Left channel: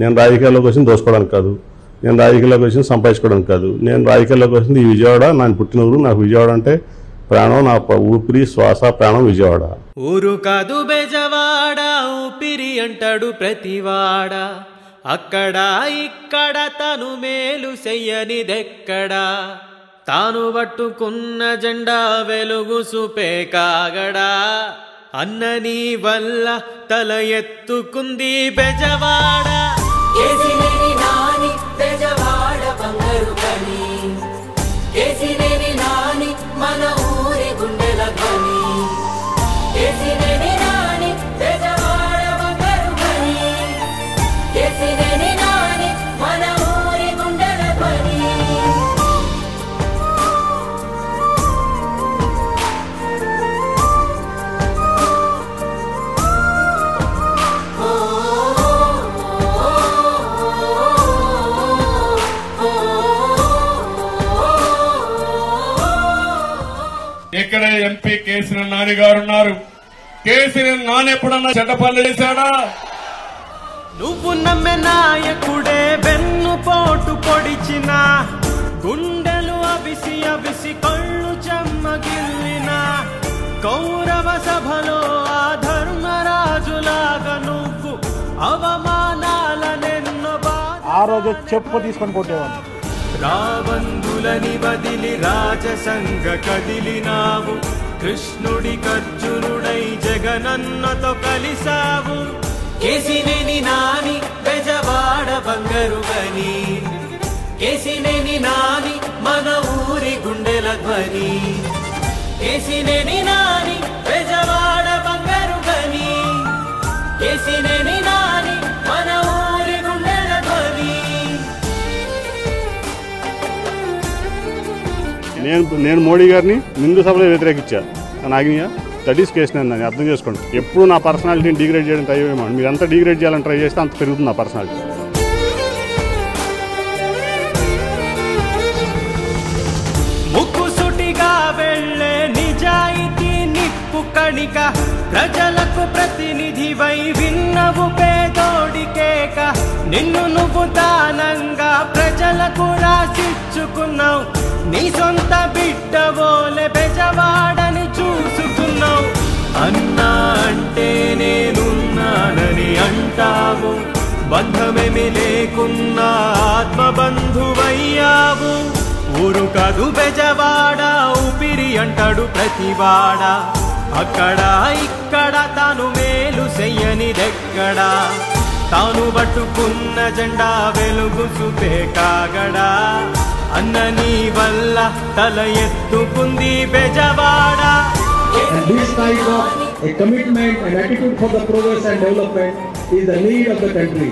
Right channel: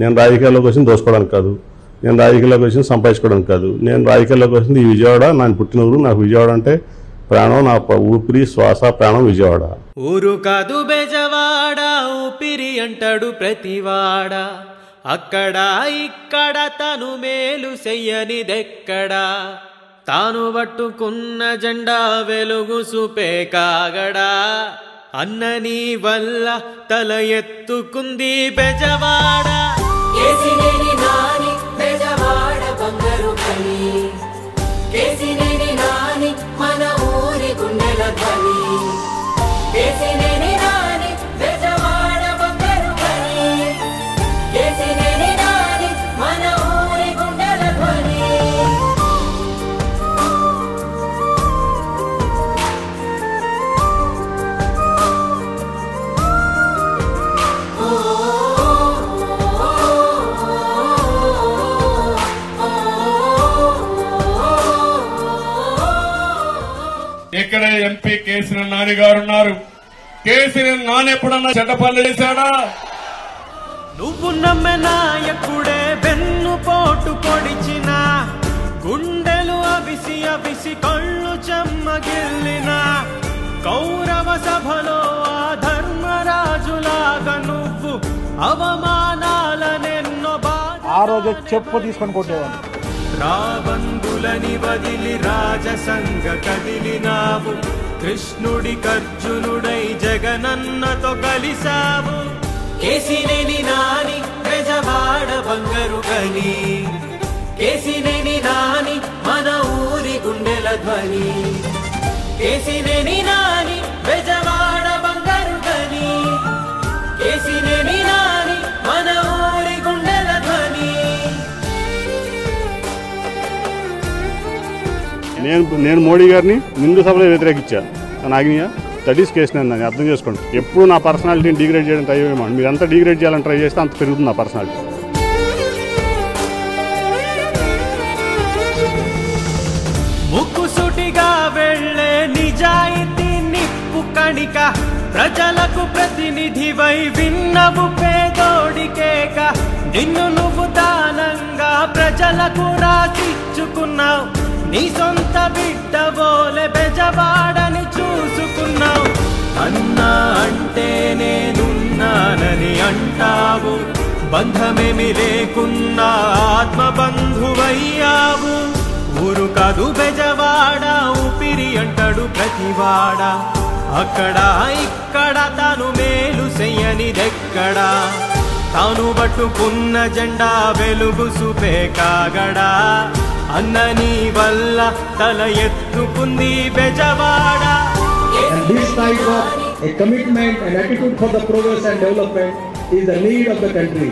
నేను రాజకీయాల్లోకి వచ్చింది దోసుకోవడానికి కాదు, నేను రాజకీయాల్లోకి వచ్చింది సంపాదించుకోవడానికి కాదు. నేను రాజకీయాల్లోకి వచ్చింది ఈ విజయవాడ, నాకు పుట్టిన ఊరు. నాకు విజయవాడ అంటే ప్రాణం, నా ఊపిరి శ్వాస ప్రాణం విజయవాడ. ఊరు కాదు బెజవాడ, ఊపిరి అంటాడు ప్రతివాడ. అక్కడ ఇక్కడ తను మేలు చెయ్యనిదెక్కడా, తాను పట్టుకున్న జెండా వెలుగు చూపే కాగడా. అన్నని వల్ల తల ఎత్తుకుంది బెజవాడ. ఇక్కడ ఎంపీ కేసీఆర్ నాని గారు ఉన్నారు. కేసీఆర్ నాని ఎప్పుడన్నా చెడ్డ పనులు చేశాడా? నువ్వు నమ్మె నాయకుడే వెన్ను పోటు పొడిచిన, గుండెలు అవిసి అవిసి కళ్ళు చెమ్మగిల్లిన, కౌరవ సభలో ఆ ధర్మరాజులాగా నువ్వు అవమానాలనెన్నో ఆ రోజు చెప్పు తీసుకొని కొట్టేవాళ్ళు. రాబందులని వదిలి రాజసంగ కదిలినావు, కృష్ణుడి కర్జునుడై జగనన్నతో కలిసావు. కేసినేని నాని బెజవాడ బంగారు గని, కేసినేని నాని మన ఊరి గుండెల ధ్వని. కేసినేని నాని బెజవాడ బంగారు గని, కేసినేని నాని మన ఊరి గుండెల ధ్వని. నేను మోడీ గారిని నిండు సభలో వ్యతిరేకించాను. నాగినియా దట్ ఈస్ కేసు. నేను అర్థం చేసుకోండి. ఎప్పుడు నా పర్సనాలిటీని డిగ్రేడ్ చేయడం ట్రై చేయమండి. మీరు ఎంత డిగ్రేడ్ చేయాలని ట్రై చేస్తే అంత పెరుగుతుంది నా పర్సనాలిటీ. ముక్కుసుటిగా వెళ్ళే నిజాయితీ నిప్పు కణిక, ప్రజలకు ప్రతినిధివై విన్నవు పేదోడికేక. నిన్ను నువ్వు దానంగా ప్రజలకు రాసిచ్చుకున్నావు, నీ సొంత బిడ్డవోలే బెజవాడని చూసుకున్నావు. అన్నా అంటే నేనున్నానని అంటావు, బంధమేమి లేకున్నా ఆత్మబంధువయ్యావు. ఊరు కాదు బెజవాడ, ఊపిరి అంటాడు ప్రతివాడ. అక్కడ ఇక్కడ తాను మేలు చెయ్యనిదెక్కడా, తాను పట్టుకున్న జెండా వెలుగు చూపే కాగడా. అన్నని వల్ల తల ఎత్తుకుంది Bezawada. And this type of a commitment and attitude for the progress and development is the need of the country.